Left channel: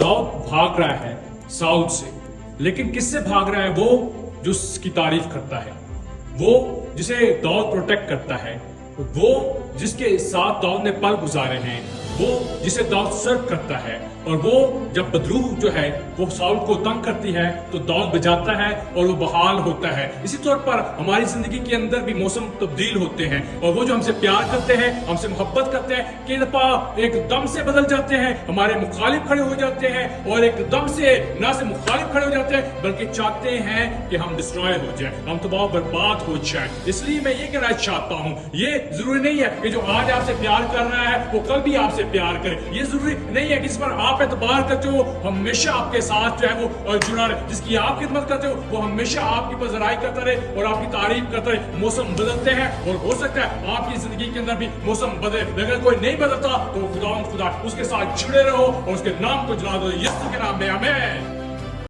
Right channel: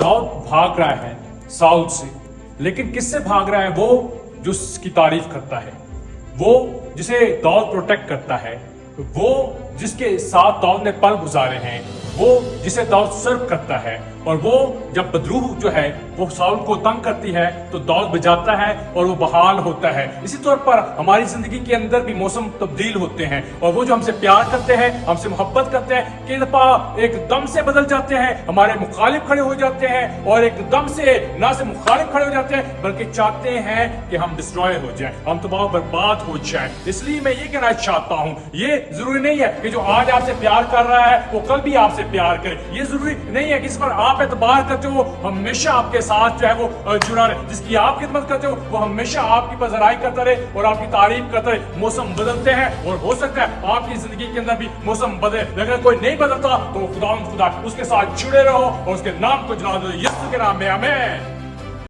दाऊद भाग रहा है साउल से, लेकिन किससे भाग रहा है? वो जो उसकी तारीफ करता है, वो जिसे दाऊद प्रोटेक्ट करता है, वो जिसके साथ दाऊद ने पल गुजारे हैं, वो जिसे दाऊद सर्व करता है। और वो जब बदरूह जो है वो साउल को तंग करती है तो दाऊद बजाता है और वो बहाल होता है। इसी तौर पर हमारी जिंदगी के अंदर भी मौसम तब्दील होते हैं, और वो जो हमसे प्यार करते हैं, हमसे मोहब्बत करते हैं, कई दफा एकदम से बदल जाते हैं, हमारे मुखालिफ खड़े हो जाते हैं, और एकदम से ना से मुखालिफ खड़े हो जाते हैं बल्कि चाहते हैं कि हम डिस्ट्रॉय हो जाएं, हम तबाह बर्बाद हो जाएं। इसलिए मैं ये कहना चाहता हूं, ये जरूरी नहीं है कि जो आज आपसे प्यार कर रहा है वो कल भी आपसे प्यार करे। ये जरूरी नहीं है कि इस पर आप एतबार करते हो वो हमेशा आपके साथ जो है वो जुड़ा रहे। जिसकी आप खिदमत करते हो वो हमेशा आपकी पजराई करता रहे और आपकी तारीफ करता रहे। मौसम बदलते हैं और हो सकता है आपकी जिंदगी के अंदर भी मौसम बदले, लेकिन कोई नहीं बदलता तो खुदा उसके साथ जुड़े रहो और उसके नाम को जला दो, यीशु के नाम में आमीन।